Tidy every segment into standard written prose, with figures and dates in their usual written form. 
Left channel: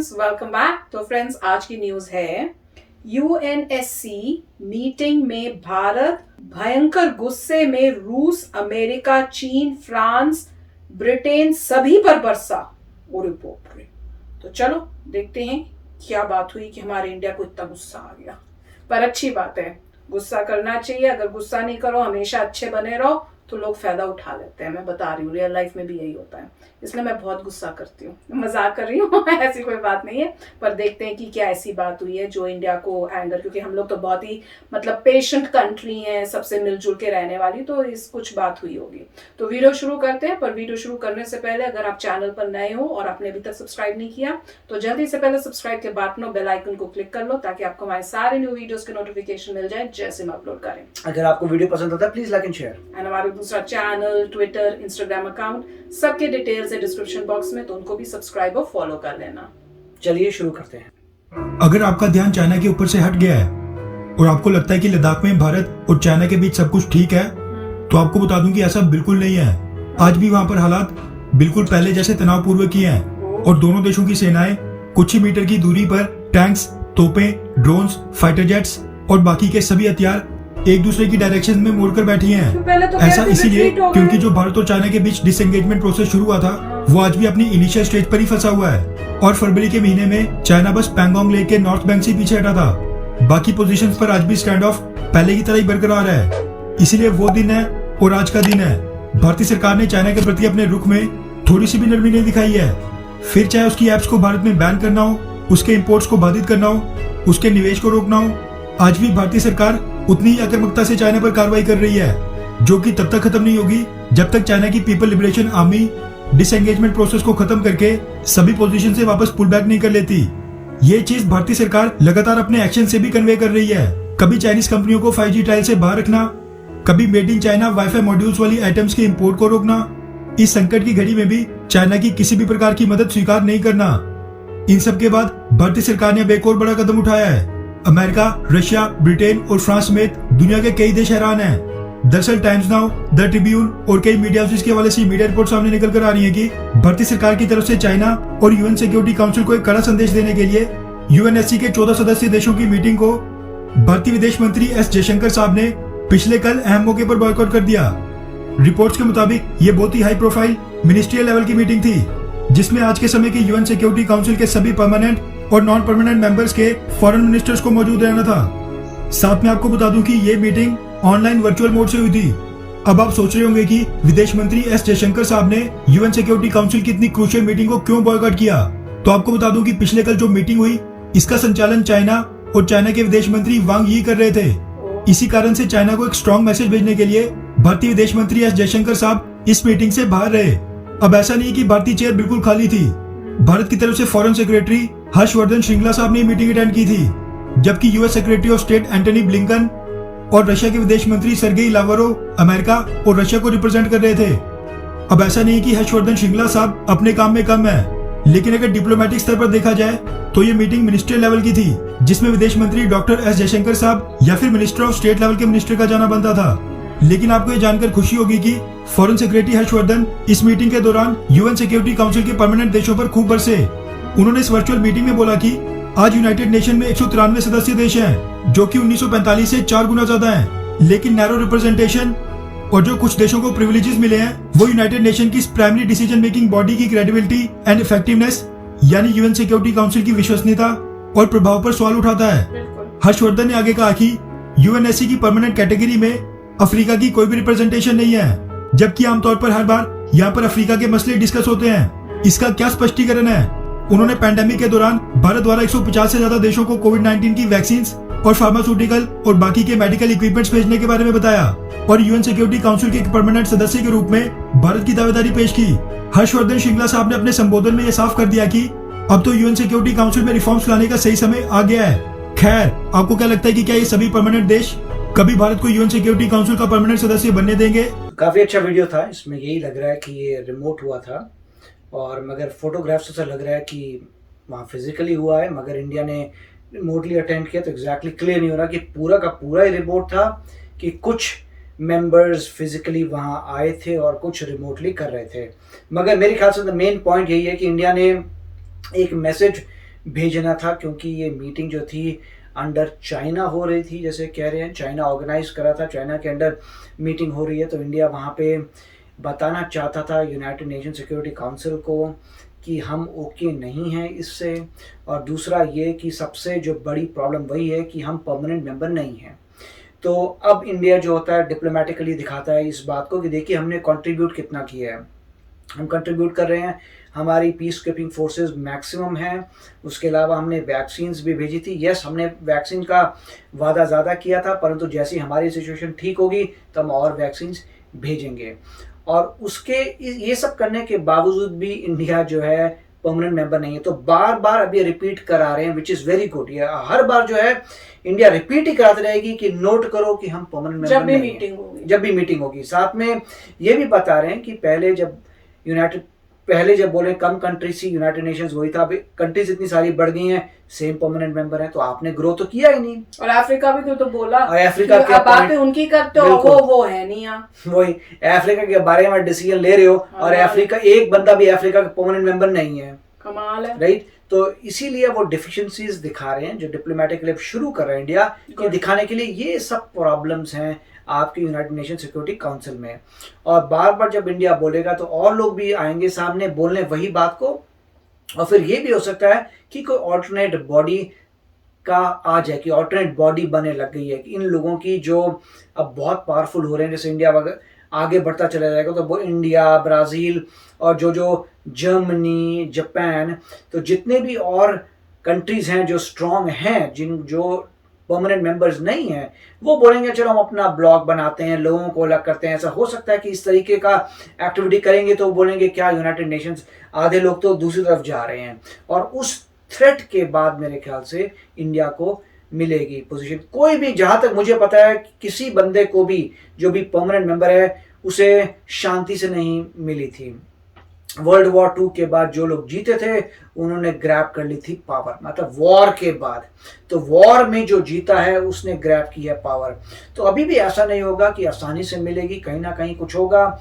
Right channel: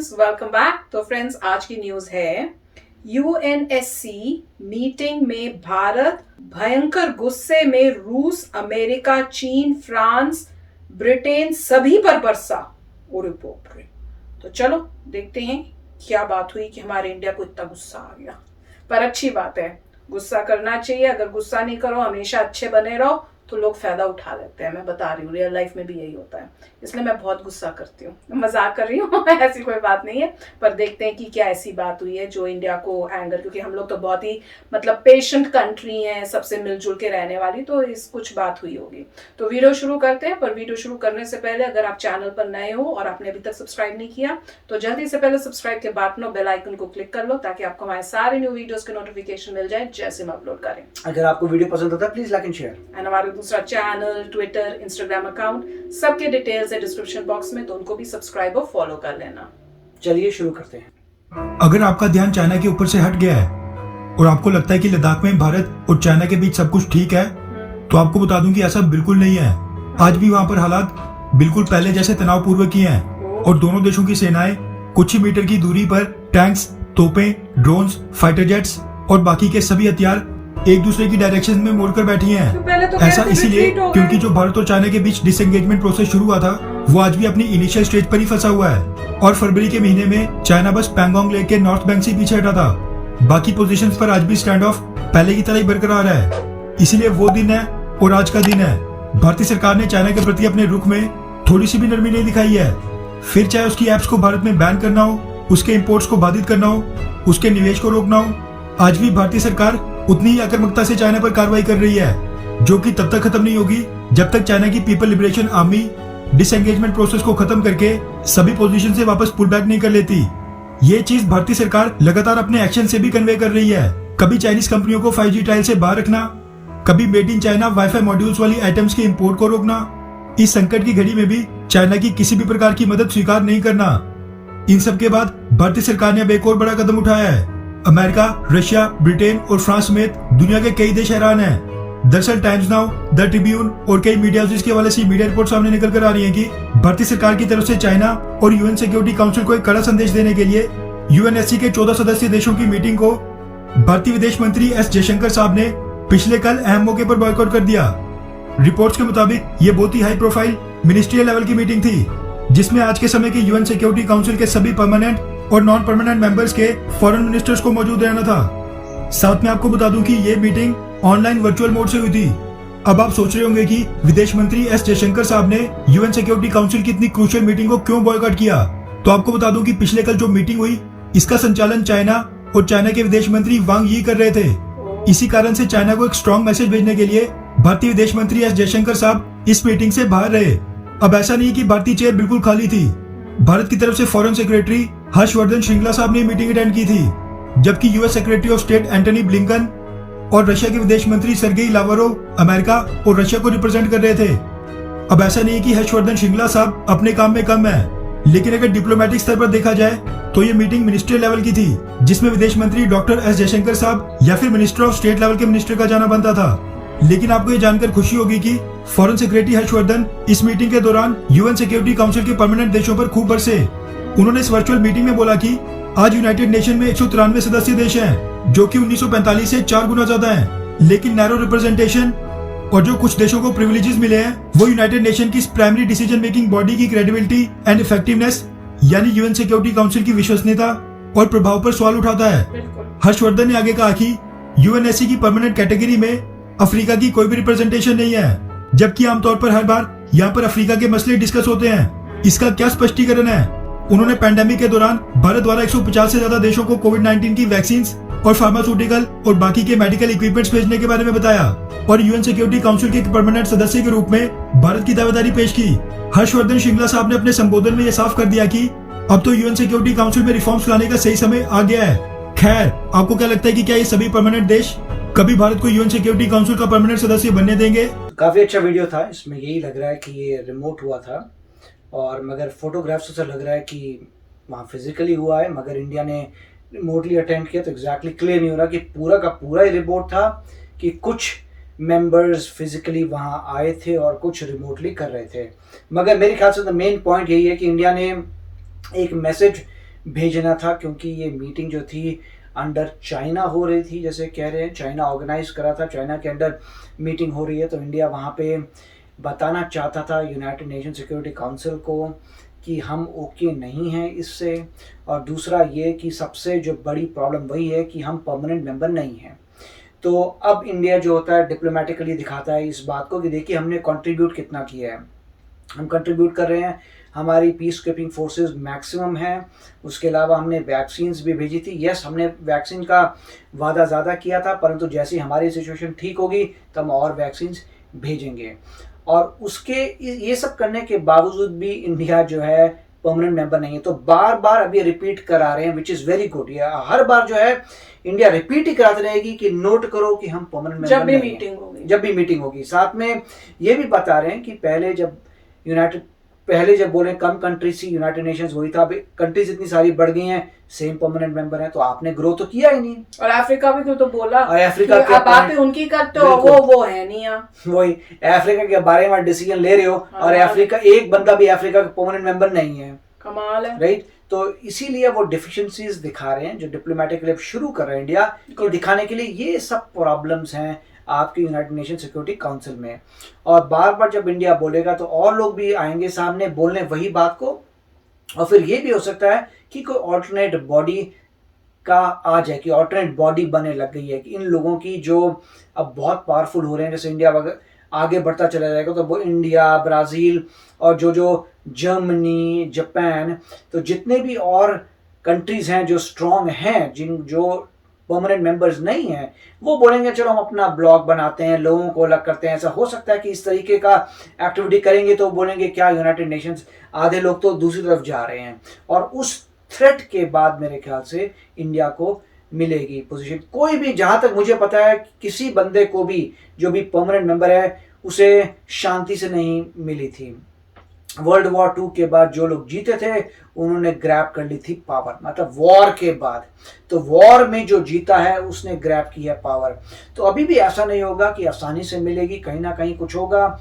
Friends, welcome back. तो friends, आज की न्यूज है यूएनएससी मीटिंग में भारत भयंकर गुस्से में रूस, अमेरिका, चीन, फ्रांस, ब्रिटेन सभी पर बरसा। और बाप रे। तो चलो देखते हैं क्या बात हुई कि हमारे इंडिया को इतना गुस्सा आ गया। पर अच्छी बात है, गुस्सा करना चाहिए। अगर गुस्सा नहीं करो, हमेशा अच्छे बने रहो, तो लोग फायदा उठा लेते हैं। मैं बता रही हूँ, रियल लाइफ में भी यही होता है। इसलिए मैं बहुत गुस्सा करती हूँ। मजाक कर रही हूँ ऐसी कोई बात नहीं है। पर देखते हैं कि क्या ऐसी बात हुई है जो इंडिया को एंगर, क्योंकि हम लोग तो बहुत ही पेशेंट कंट्री है, सबसे मिलजुल के रहने वाली, तो इस कुछ बात हुई होगी। तो वीडियो शुरू करते हैं। पर वीडियो शुरू करने से पहले अगर आप चैनल पर नए हो और आपने अभी तक सब्सक्राइब नहीं किया तो जल्दी से पहले सब्सक्राइब के बटन बेल आइकन को क्लिक कर लो, ताकि आपको हमारे सारे न्यू वीडियोस के नोटिफिकेशन मिल जाए जैसे हम अपलोड करें। अगर आपको वीडियो पसंद आता है please like and share. And हमारे दूसरा चैनल, ट्विटर, इंस्टाग्राम अकाउंट, सबके डिटेल्स है डिस्क्रिप्शन बॉक्स में, तो उनको भी सब्सक्राइब और फॉलो कर लेना। चलिए शुरू करते हैं। अगर आपका ध्यान चाइना के ऊपर से हट गया है और आपको लगता है कि लद्दाख में भारत और चाइना के बीच सब कुछ ठीक है, तो आपको बता दूं कि ऐसा बिल्कुल नहीं है। आज भी वहां पर हालात बिल्कुल पहले जैसे तनावपूर्वक ही हैं और दोनों देशों की सेनाएं कुछ ही मीटर की दूरी पर टैंक्स, तोपें, ड्रोन्स, फाइटर जेट्स और बाकी के सभी हथियार एक दूसरे की डायरेक्शन में मोड़कर बैठी हैं। ऐसा इसीलिए क्योंकि जो भारत और चाइना के बीच डिसएंगेजमेंट प्रोसेस शुरू हुआ था वो आज भी अपनी इनिशियल स्टेज पर ही फंसा हुआ है और फरवरी के महीने में चाइना बस पैंगोंग लेक के नॉर्थ बैंक से पीछे हटा था। बाकी पोजीशंस पर आज भी स्टैंड ऑफ पहले की तरह ही बरकरार है। इसीलिए वो दिन है और आज का दिन है। भारतीय सरकार ने चाइना के प्रति अपने रुख में थोड़ी सी भी नरमी नहीं दिखाई है। फिर चाहे उसकी एप्स को भारत में बैन करना हो, उसके इंपोर्ट्स को बाधित करना हो, उसके निवेश को रोकना हो, आज भी भारतीय सरकार उतनी ही आक्रामकता से चाइना पर कार्रवाई कर रही है, जो कि तब तक खत्म नहीं होगी जब तक चाइना की people liberation army disengagement process को खत्म करके सभी पोजीशन से वापस पुल बैक नहीं कर लेती। ये चीज भारतीय सरकार लगातार अपने एक्शन से भी कन्वे कर रही है। कभी चाइनीज कंपनियों को 5G ट्रायल से बाहर रखना, कभी made in China wifi modules वाली आइटम्स के इंपोर्ट को रोकना। इस संकट की घड़ी में भी चाइना की किसी भी प्रकार की मदद स्वीकार नहीं करना। इन सब के बाद भारतीय सरकार ने अब एक और बड़ा कदम उठाया है। अमेरिका, रशिया, ब्रिटेन और फ्रांस समेत दुनिया के कई देश हैरान हैं। दरअसल टाइम्स नाउ, द ट्रिब्यून और कई मीडिया हाउसेस के हवाले से मीडिया रिपोर्ट सामने निकल कर आ रही है कि भारतीय सरकार की तरफ से चाइना और यूएन सिक्योरिटी काउंसिल को एक कड़ा संदेश देने के लिए यूएनएससी के 14 सदस्यीय देशों की मीटिंग को भारतीय विदेश मंत्री एस जयशंकर साहब ने पिछले कल अहम मौके पर बॉयकॉट कर दिया। रिपोर्ट्स के मुताबिक ये बहुत ही हाई प्रोफाइल मिनिस्ट्रियल लेवल की मीटिंग थी, जिसमें आज के समय के यूएन सिक्योरिटी काउंसिल के सभी परमानेंट और नॉन परमानेंट मेंबर्स के फॉरेन मिनिस्टर्स को मौजूद रहना था। साथ में आपको बता दूं कि ये मीटिंग ऑनलाइन वर्चुअल मोड से हुई थी। अब आप सोच रहे होंगे कि विदेश मंत्री एस जयशंकर साहब ने यूएन सिक्योरिटी काउंसिल की इतनी क्रूशियल मीटिंग को क्यों बॉयकॉट किया। तो आपको बता दूं कि पिछले कल जो मीटिंग हुई इसका संचालन चाइना और चाइना के विदेश मंत्री वांग यी कर रहे थे। इसी कारण से चाइना को एक स्ट्रॉन्ग मैसेज भेजने के लिए भारतीय विदेश मंत्री एस जयशंकर साहब इस मीटिंग से बाहर रहे। अब ऐसा नहीं कि भारतीय चेयर बिल्कुल खाली थी। भारत की तरफ से फॉरेन सेक्रेटरी हर्षवर्धन श्रृंगला साहब ने मीटिंग अटेंड की थी, जबकि US secretary of state Antony Blinken और रशिया के विदेश मंत्री सर्गेई लावरोव अमेरिका और रशिया को रिप्रेजेंट कर रहे थे। अब ऐसा नहीं कि हर्षवर्धन श्रृंगला साहब अपने काम में कम है, लेकिन अगर डिप्लोमेटिक स्तर पर देखा जाए तो ये मीटिंग मिनिस्ट्रियल लेवल की थी, जिसमें विदेश मंत्री डॉक्टर एस जयशंकर साहब या फिर मिनिस्टर ऑफ स्टेट लेवल के मिनिस्टर का जाना बनता था। लेकिन आपको ये जानकर खुशी होगी कि फॉरेन सेक्रेटरी हर्षवर्धन इस मीटिंग के दौरान यूएन सिक्योरिटी काउंसिल के परमानेंट देशों पर खूब बरसे। उन्होंने इस वर्चुअल मीटिंग में बोला कि आज यूनाइटेड नेशन में 193 सदस्य देश हैं, जो कि 1945 से 4 गुना ज्यादा हैं। लेकिन नैरो रिप्रेजेंटेशन और जो कुछ देशों को प्रिविलेजेस मिले हैं वो यूनाइटेड नेशन की प्राइमरी डिसीजन मेकिंग बॉडी की क्रेडिबिलिटी एंड इफेक्टिवनेस यानी यूएन सिक्योरिटी काउंसिल की विश्वसनीयता और प्रभाव पर सवाल उठाता है। हर्षवर्धन ने आगे कहा कि यूएनएससी की परमानेंट कैटेगरी में अफ्रीका की कोई भी रिप्रेजेंटेशन नहीं है, जबकि आमतौर पर हर बार यहाँ पर अफ्रीका के मसले डिस्कस होते हैं। इसका क्या स्पष्टीकरण है? उन्होंने पैंडेमिक के दौरान भारत द्वारा 150 से ज्यादा देशों को कोविड-19 की वैक्सीन और फार्मास्यूटिकल और बाकी के मेडिकल इक्विपमेंट्स भेजने के बारे में बताया और यूएन सिक्योरिटी काउंसिल के परमानेंट सदस्य के रूप में भारत की दावेदारी पेश की। हर्षवर्धन श्रृंगला साहब ने अपने संबोधन में यह साफ कर दिया कि अब तो यूएन सिक्योरिटी काउंसिल में रिफॉर्म्स लाने का सही समय आ गया है। खैर, आपको क्या लगता है कि क्या ये सभी परमानेंट देश कभी भारत को यूएन सिक्योरिटी काउंसिल का परमानेंट सदस्य बनने देंगे? काफी अच्छा वीडियो था। इसमें यही लग रहा है कि ये रिमोट हुआ था, और मगर फोटोग्राफ्स से लग रहा है कि वहाँ फिजिकली हुआ है, मगर इंडिया ने रिमोटली अटेंड किया। तो एग्जैक्टली क्लियर नहीं हो रहा कि पूरा का पूरा ही रिपोर्ट था कि कुछ मेंबर्स फिजिकली वहाँ आए थे और कुछ रिमोटली कर रहे थे। मगर मेरे ख्याल से द मेन पॉइंट यही है कि इंडिया ने एक मैसेज भेजना था, क्योंकि ये मीटिंग जो थी अंडर चाइना हो रही थी, जैसे कह रहे हैं चाइना ऑर्गेनाइज करा था, चाइना के अंडर मीटिंग हो रही है। तो इंडिया वहाँ पे बताना चाहता था यूनाइटेड नेशन सिक्योरिटी काउंसिल को कि हम ओके नहीं हैं इससे। और दूसरा ये कि सबसे जो बड़ी प्रॉब्लम वही है कि हम परमानेंट मेंबर नहीं हैं। तो अब इंडिया जो होता है डिप्लोमेटिकली दिखाता है इस बात को कि देखिए हमने कंट्रीब्यूट कितना किया है, हम कंट्रीब्यूट कर रहे हैं, हमारी पीस कीपिंग फोर्सेस मैक्सिमम हैं। उसके अलावा हमने वैक्सीन्स भी भेजी थी। यस, हमने वैक्सीन का वादा ज़्यादा किया था, परंतु जैसे ही हमारी सिचुएशन ठीक होगी तो हम और वैक्सीन्स भेजेंगे। और उसके ये सब करने के बावजूद भी इंडिया जो है परमानेंट मेंबर नहीं है। तो बार बार अब ये रिपीट करा रहे हैं, विच इज़ वेरी गुड। ये हर बार जो है इंडिया रिपीट ही कराती रहेगी कि नोट करो कि हम परमानेंट मेंबर नहीं हैं जब भी मीटिंग होगी। साथ में ये भी बता रहे हैं कि पहले जब बोले कम कंट्रीज थी यूनाइटेड नेशंस वही था, अभी कंट्रीज इतनी सारी बढ़ गई हैं, सेम परमानेंट मेंबर है, तो आपने ग्रो तो किया ही नहीं। और अफ्रीका भी तो बोला अफ्रीका की बातें उनकी करते हो, वो है नहीं यहाँ। वही अफ्रीका के बारे में डिसीजन ले रहे हो और अफ्रीका एक बंदा भी अफ्रीका का परमानेंट मेंबर नहीं है। कमाल है, राइट। तो इसीलिए वो डिफिशिएंसीज दिखा रहे हैं, जो डिप्लोमेटिक लिप शुरू कर रहे हैं इंडिया को दिखाने के लिए ये सब प्रॉब्लम्स हैं आपके यूनाइटेड नेशन सिक्योरिटी काउंसिल में। और बार बार जब इंडिया बोलेगा तो और लोग भी आएंगे सामने बोलने वही बात को। और फिर ये भी हो सकता है कि कोई ऑल्टरनेट बॉडी का आ जाए, कि ऑल्टरनेट बॉडी बने लग गई है कि इन लोगों की जो अब बहुत पावरफुल हो रहे हैं, जैसे इंडिया आगे बढ़ता चला जाएगा तो वो इंडिया, ब्राज़ील और जो जर्मनी, जापान, तो जितने भी और कंट्रीज़ हैं जो स्ट्रॉन्ग हैं, जो परमानेंट मेंबर्स नहीं हैं, वो बोलेंगे चलो हम अपना ब्लॉग बनाते हैं, लोगों को अलग करते हैं। ऐसा हो सकता है कि इस तरीके का एक्टिविटी करेंगे तो बोलेंगे क्या यूनाइटेड नेशंस, आधे लोग तो दूसरी तरफ जा रहे हैं। और उस थ्रेट के बाद मेरे ख्याल से इंडिया को मिलेगी पोजीशन। कोई भी, जहां तक मुझे पता है, किसी बंदे को भी जो भी परमानेंट मेंबर है उसे शांति से नहीं मिली थी। वर्ल्ड वॉर 2 के बाद जो लोग जीते थे उन्होंने ग्रैब कर ली थी पावर, मतलब वॉर के बाद। तो वॉर में जो जीता है उसने ग्रैब की है पावर। तो अभी भी ऐसा नहीं होगा कि आसानी से मिलेगी, कहीं ना कहीं कुछ होगा।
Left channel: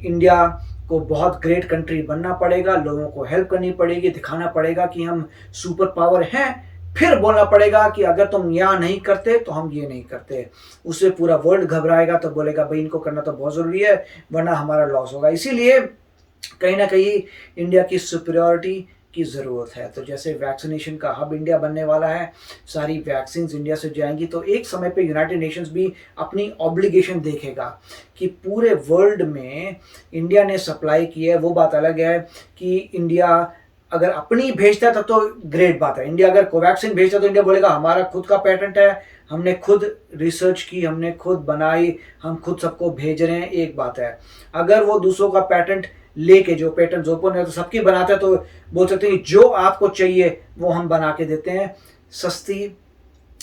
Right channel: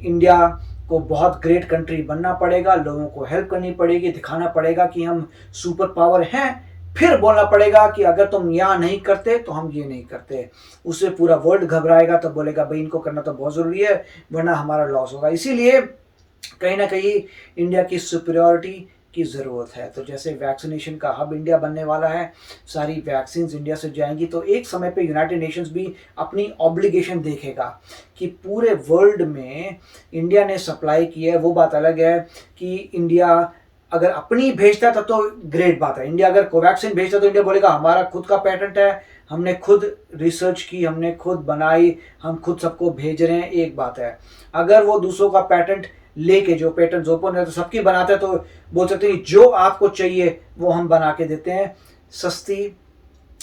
इंडिया को बहुत ग्रेट कंट्री बनना पड़ेगा, लोगों को हेल्प करनी पड़ेगी, दिखाना पड़ेगा कि हम सुपर पावर हैं, फिर बोलना पड़ेगा कि अगर तुम यहाँ नहीं करते तो हम ये नहीं करते। उससे पूरा वर्ल्ड घबराएगा, तो बोलेगा भाई इनको करना तो बहुत ज़रूरी है वरना हमारा लॉस होगा। इसीलिए कहीं ना कहीं इंडिया की सुपीरियरिटी की ज़रूरत है। तो जैसे वैक्सीनेशन का हब इंडिया बनने वाला है, सारी वैक्सीन्स इंडिया से जाएंगी, तो एक समय पे यूनाइटेड नेशंस भी अपनी ऑब्लिगेशन देखेगा कि पूरे वर्ल्ड में इंडिया ने सप्लाई की है। वो बात अलग है कि इंडिया अगर अपनी भेजता है तब तो ग्रेट बात है। इंडिया अगर कोवैक्सीन भेजता है तो इंडिया बोलेगा हमारा खुद का पेटेंट है, हमने खुद रिसर्च की, हमने खुद बनाई, हम खुद सबको भेज रहे हैं, एक बात है। अगर वो दूसरों का पेटेंट लेके, जो पेटेंट ओपन है तो सबकी बनाते हैं, तो बोल सकते हैं जो आपको चाहिए वो हम बना के देते हैं, सस्ती,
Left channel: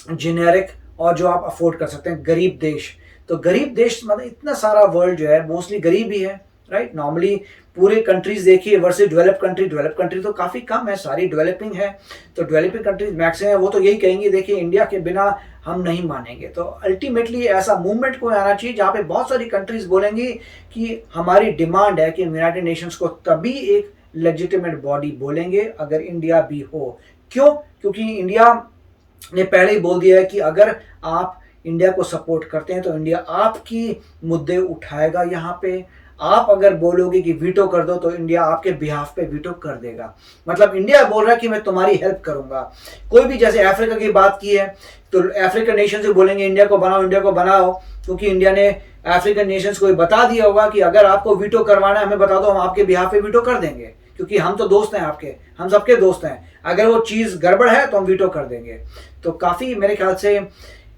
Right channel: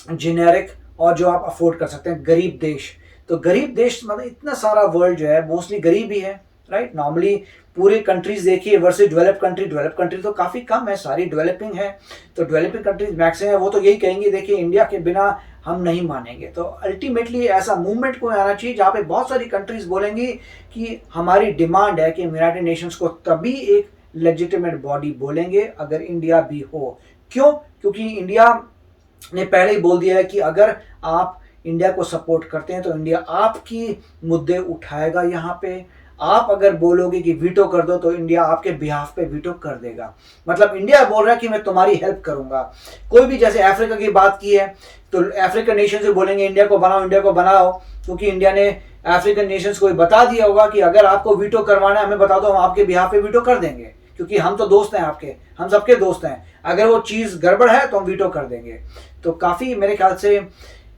जेनेरिक, और जो आप अफोर्ड कर सकते हैं। गरीब देश, तो गरीब देश मतलब इतना सारा वर्ल्ड जो है मोस्टली गरीब ही है, राइट। नॉर्मली पूरे कंट्रीज देखिए वर्सेस डेवलप कंट्री तो काफ़ी कम है, सारी डेवलपिंग है। तो डेवलपिंग कंट्रीज मैक्सिमम है, वो तो यही कहेंगे देखिए इंडिया के बिना हम नहीं मानेंगे। तो अल्टीमेटली ऐसा मूवमेंट को आना चाहिए जहाँ पे बहुत सारी कंट्रीज बोलेंगी कि हमारी डिमांड है कि यूनाइटेड नेशंस को तभी एक लेजिटिमेट बॉडी बोलेंगे अगर इंडिया भी हो। क्यों? क्योंकि इंडिया ने पहले ही बोल दिया है कि अगर आप इंडिया को सपोर्ट करते हैं तो इंडिया आपकी मुद्दे उठाएगा यहाँ पे। आप अगर बोलोगे कि वीटो कर दो तो इंडिया आपके बिहाफ पे वीटो कर देगा। मतलब इंडिया बोल रहा है कि मैं तुम्हारी हेल्प करूंगा। कोई भी, जैसे अफ्रीका की बात की है तो अफ्रीकन नेशन से बोलेंगे इंडिया को बनाओ, क्योंकि इंडिया ने अफ्रीकन नेशंस को बता दिया होगा कि अगर आपको वीटो करवाना है हमें बता दो, हम आपके बिहाफ पे वीटो कर देंगे, क्योंकि हम तो दोस्त हैं आपके, हम सबके दोस्त हैं। अगर वो चीज़ गड़बड़ है तो हम वीटो कर देंगे। तो काफ़ी मेरे ख्याल से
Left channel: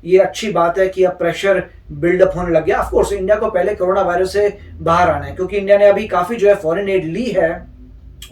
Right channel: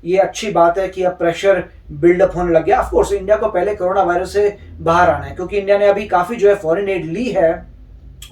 ये अच्छी बात है कि अब प्रेशर बिल्डअप होने लग गया। ऑफ कोर्स इंडिया को पहले कोरोना वायरस से बाहर आना है, क्योंकि इंडिया ने अभी काफ़ी जो है फॉरेन एड ली है,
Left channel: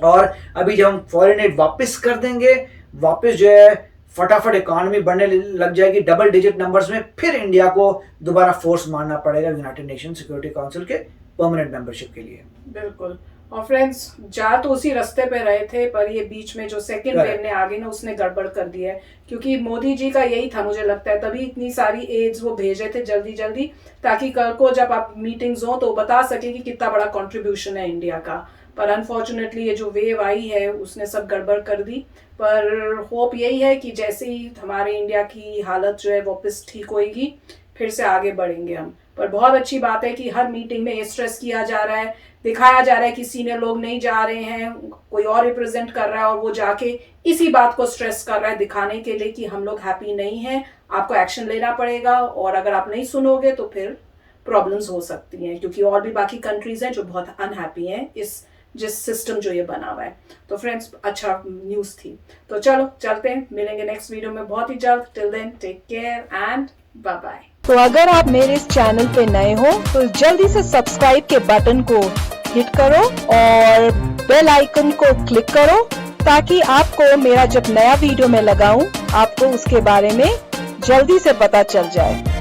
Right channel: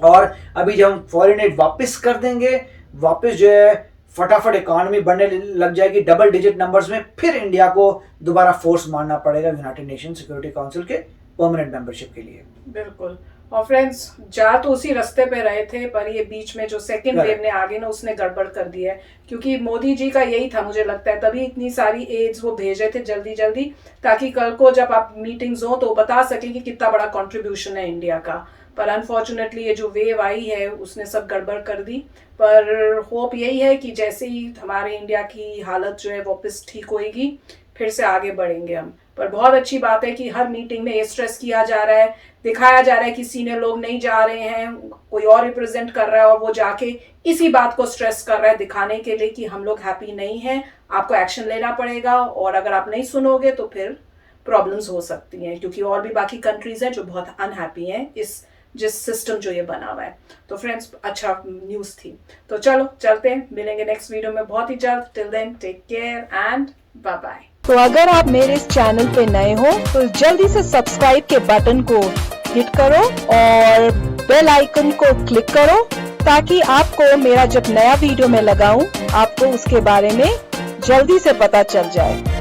और अभी जब हम फॉरेन एड वापस कर देंगे, वापस जो है फटाफट इकॉनमी बढ़ने लग जाएगी डबल डिजिट नंबर्स में, फिर इंडिया को दोबारा फोर्स मारना पड़ेगा यूनाइटेड नेशन सिक्योरिटी काउंसिल के परमानेंट मेंबरशिप के लिए। बिल्कुल। और फ्रेंड्स, जा तो उसी रास्ते पे रहे थे, पर ये बीच में जो सेकंड Correct. वेव ने आगे ना उसने गड़बड़ कर दिया है, क्योंकि मोदी जी का यही था, मुझे लगता है तभी इतनी सारी एड्स वो भेजे थे जल्दी जल्दी, ताकि कल को जब आप मीटिंग्स हो तो बता सके कि कितना बड़ा कंट्रीब्यूशन है इंडिया का। पर अनफॉर्चुनेटली ये जो वेव आई है उसने सब गड़बड़ कर दी। पर होप यही है कि जैसे ही हमारे इंडिया की हालत जो है वापस ठीक होएगी, फिर से आगे बढ़ेंगे हम। पर बहुत अच्छी बात है कि हर मीटिंग में ये स्ट्रेस किया जा रहा है, दिखाया जा रहा है कि सीनियर लोग नहीं जा रहे हैं, कोई और रिप्रेजेंट कर रहा है और वो जाके इसी बात को स्ट्रेस कर रहा है, दिखाने के लिए कि हम लोग हैप्पी नहीं हैं, आपको एक्शन लेना पड़ेगा, और अगर आप नहीं सुनोगे तो फिर प्रॉब्लम्स हो सकती हैं, क्योंकि और भी बाकी कंट्रीज हैं जो बहुत अनहैप्पी हैं इस जिस सिस्टम जो ये बना हुआ है। तो फ्रेंड्स, अच्छा न्यूज़ थी। तो चलो चलते हैं, मिलेंगे नेक्स्ट वीडियो में बहुत ही जल्द। Till then take care and bye bye. तो अगर आप मेरे इस चैनल पे नए हो तो जल्दी से सब्सक्राइब के बटन को हिट करो और बेल आइकन को क्लिक करो, ताकि आपको मेरा जब नया वीडियो मैं लगाऊं आपको उसके बारे में जल्दी से पता चल जाए।